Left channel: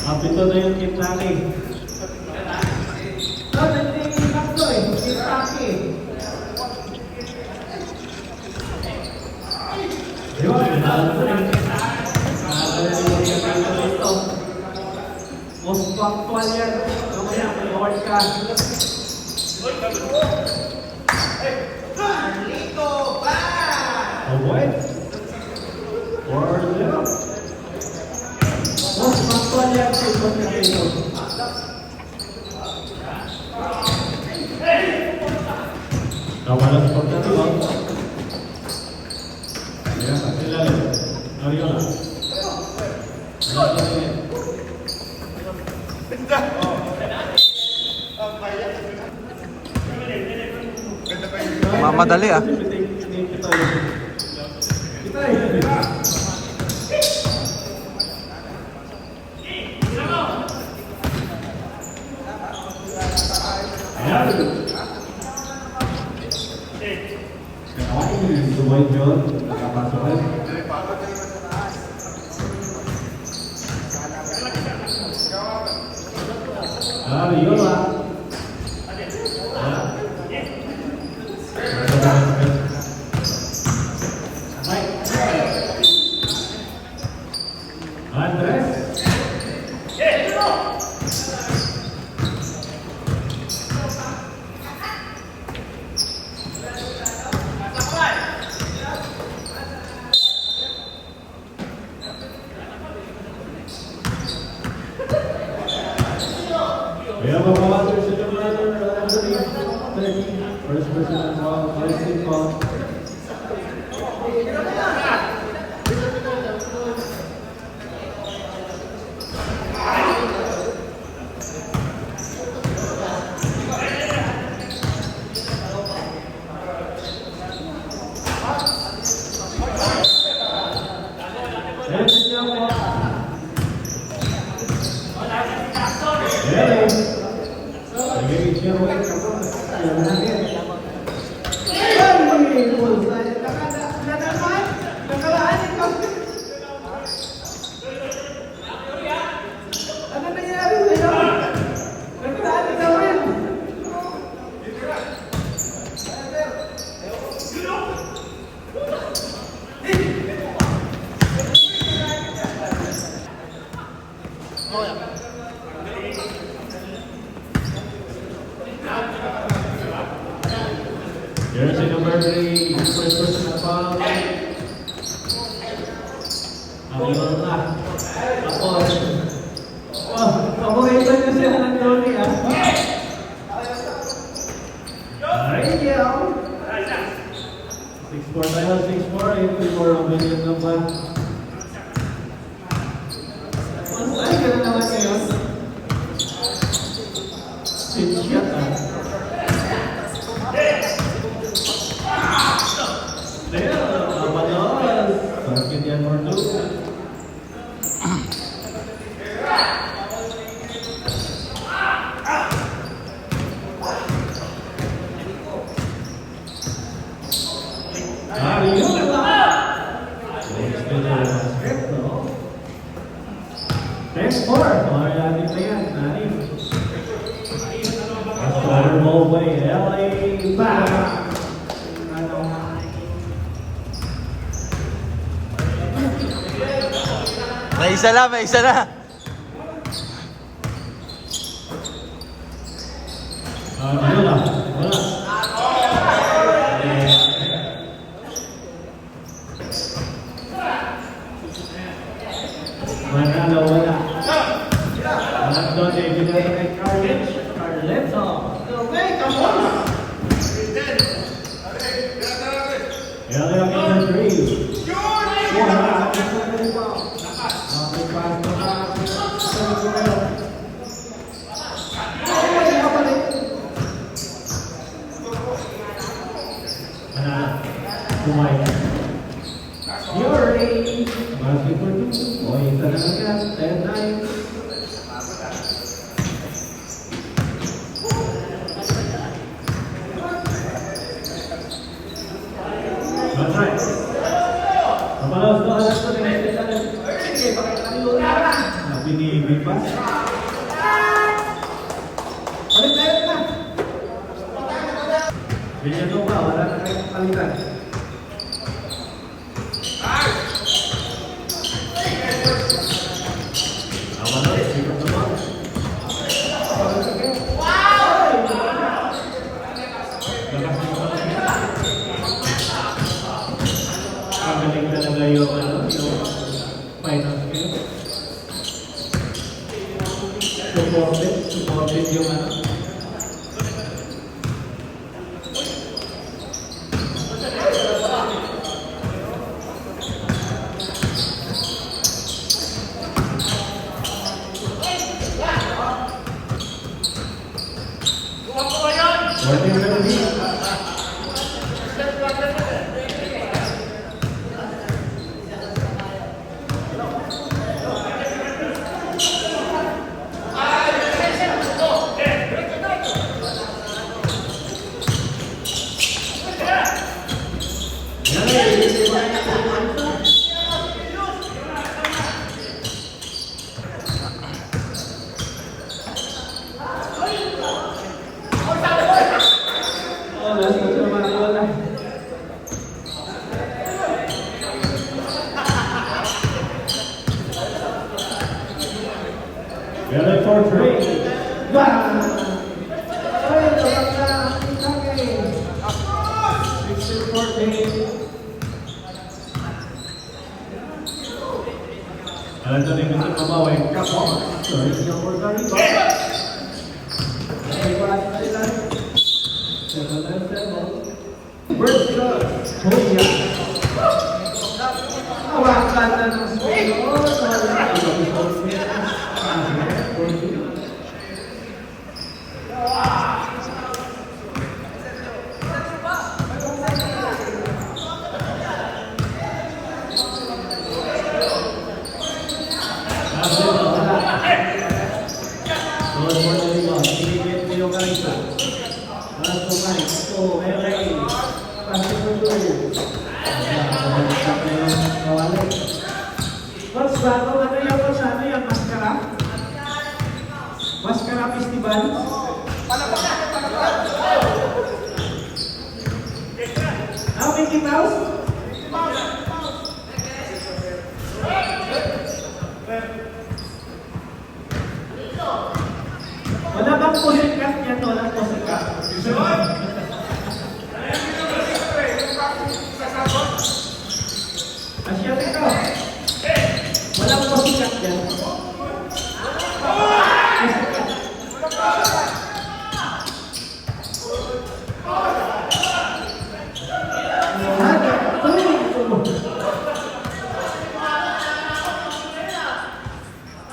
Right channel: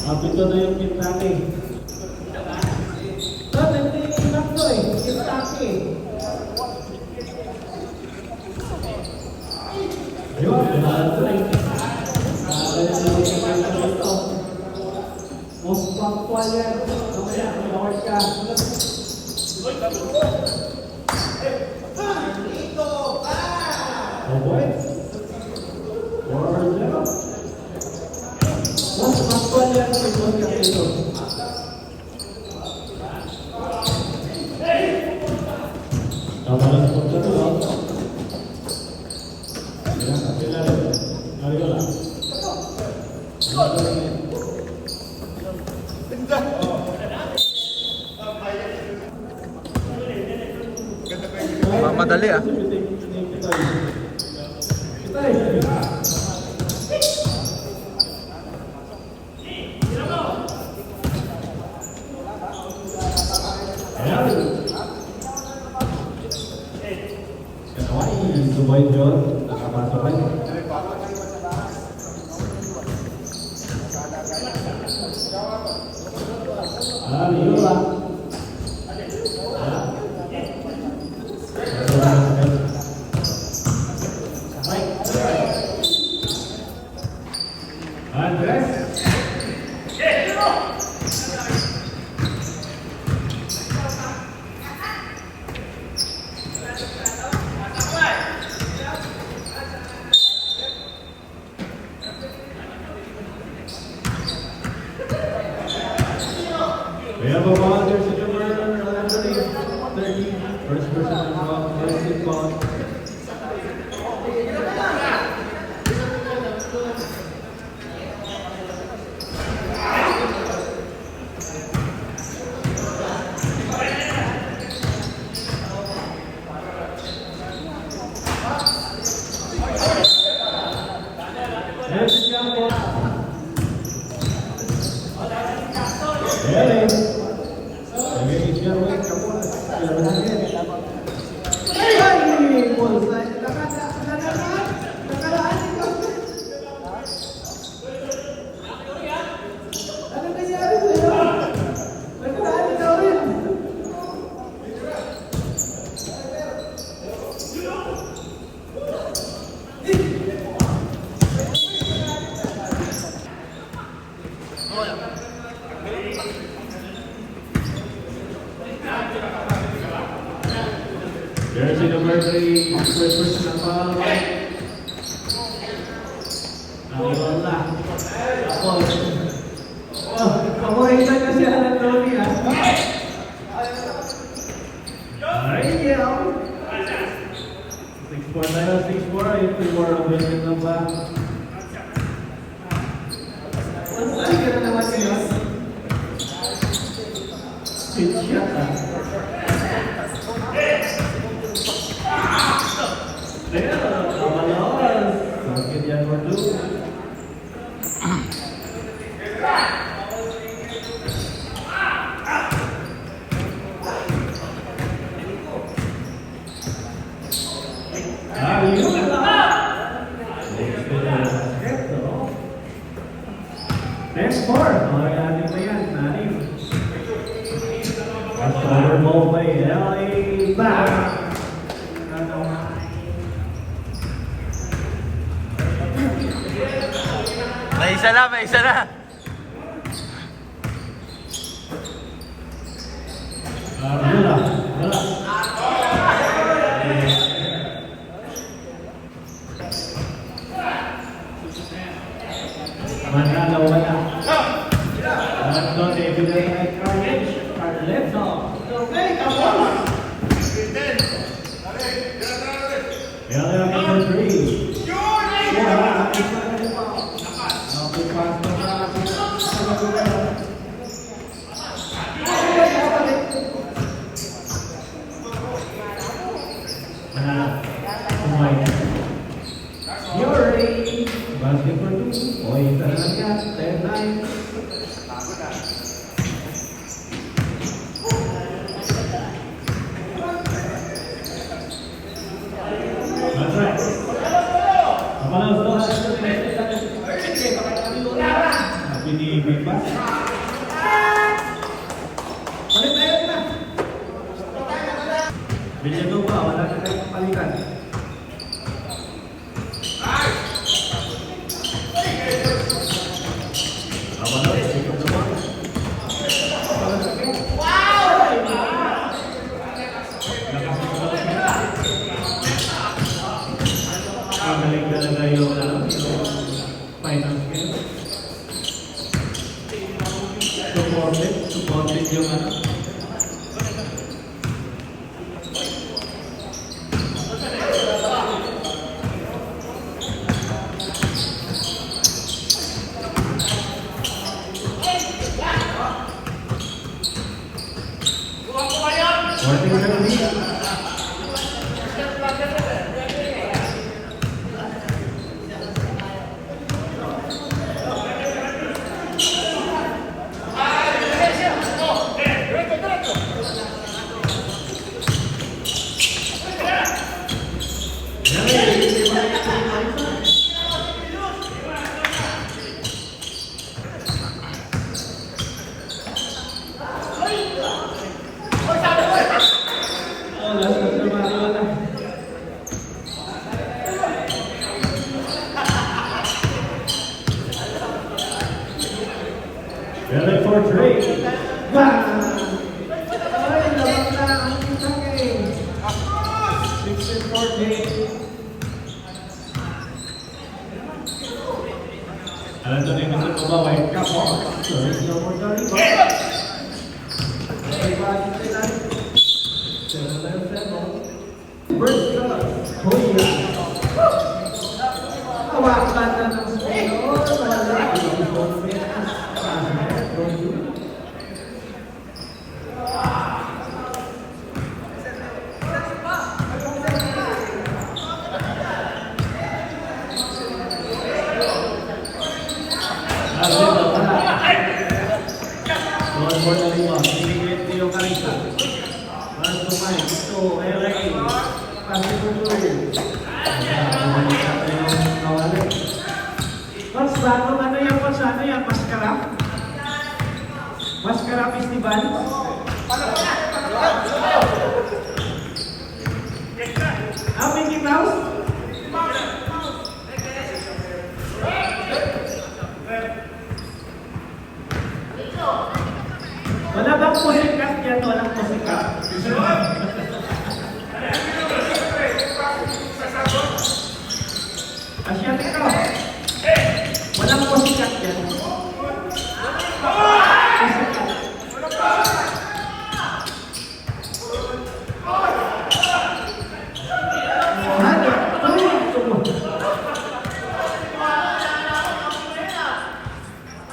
Kapito na yung Kitaki. Nagtitinap ko eh, Kitaki. Ayun, pinalo ko rin. Most punctual yan. Mamaya, Lord ka. Carlito, ba? Oh boy. 4-0. Most punctual yan si Tony Aquino. Tawalan po na ito. Ayan, sila. Ariola. Mamadali ah. Boy John, nakapasok rin. Ariola. Andres. We have a volunteer supervisor, 30, first person involved, racing ball. There's a number 3, Christmas na pa. Nangyayon na. Ako ngayon lang kasi alam ni Ronnie ha. Ay, yaw. 6-4 tayo, 6-4. 8-4 ang bilang ng ban. Ay, gano'n naman kayo. 6 shot ha. Next part, okay natin na yan, Nanif. After mo by LA back. May isa na, may isa na. Wala. Manalo, wala. Anak doon, ibigay sa Carleto. Okay, come on. LA number 3. Villanova, wala na kayong palitan. Tama na rin, pick up the ball. Magaling talaga yung final skill. Supported yung ano. Very fortunate. Alam tadi ini terbawa yang kapal. Sorry, nomor kali. Mas bago ano yan po sa ano yan? Maskara? Maskara Festival? How many mouse? Wala bang pusikat yan? Walang pusikat. Asya dito. Walang pusikat yan.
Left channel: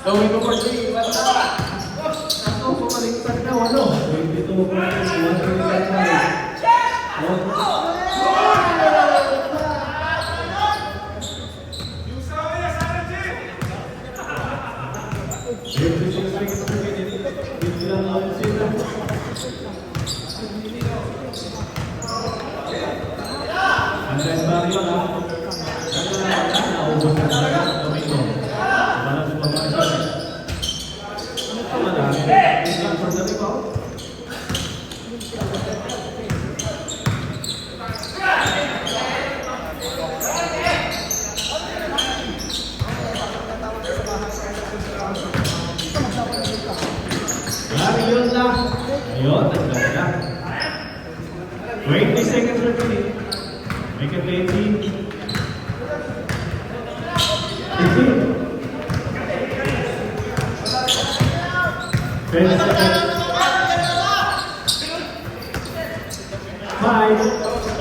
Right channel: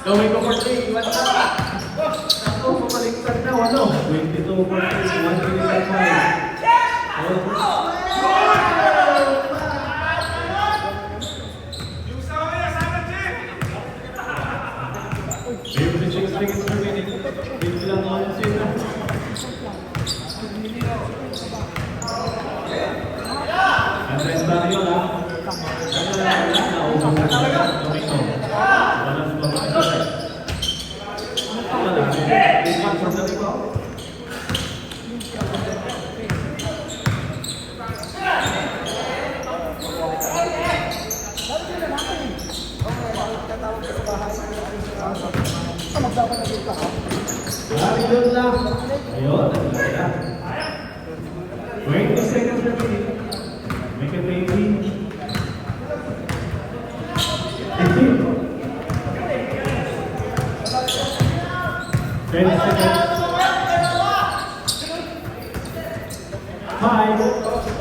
Gawin ko for 3. Ako, pumaliktad na. 22 for 56 seconds per minute. Dito lang naman sila. Ang best back yun ha. Naubos na talaga. Domingo. Wala si Pagkakasya. Wala. Isang from the top. Ayun lang. Ayun, talaga. 20 seconds per minute. Make it 18. 15. 20 seconds. 5.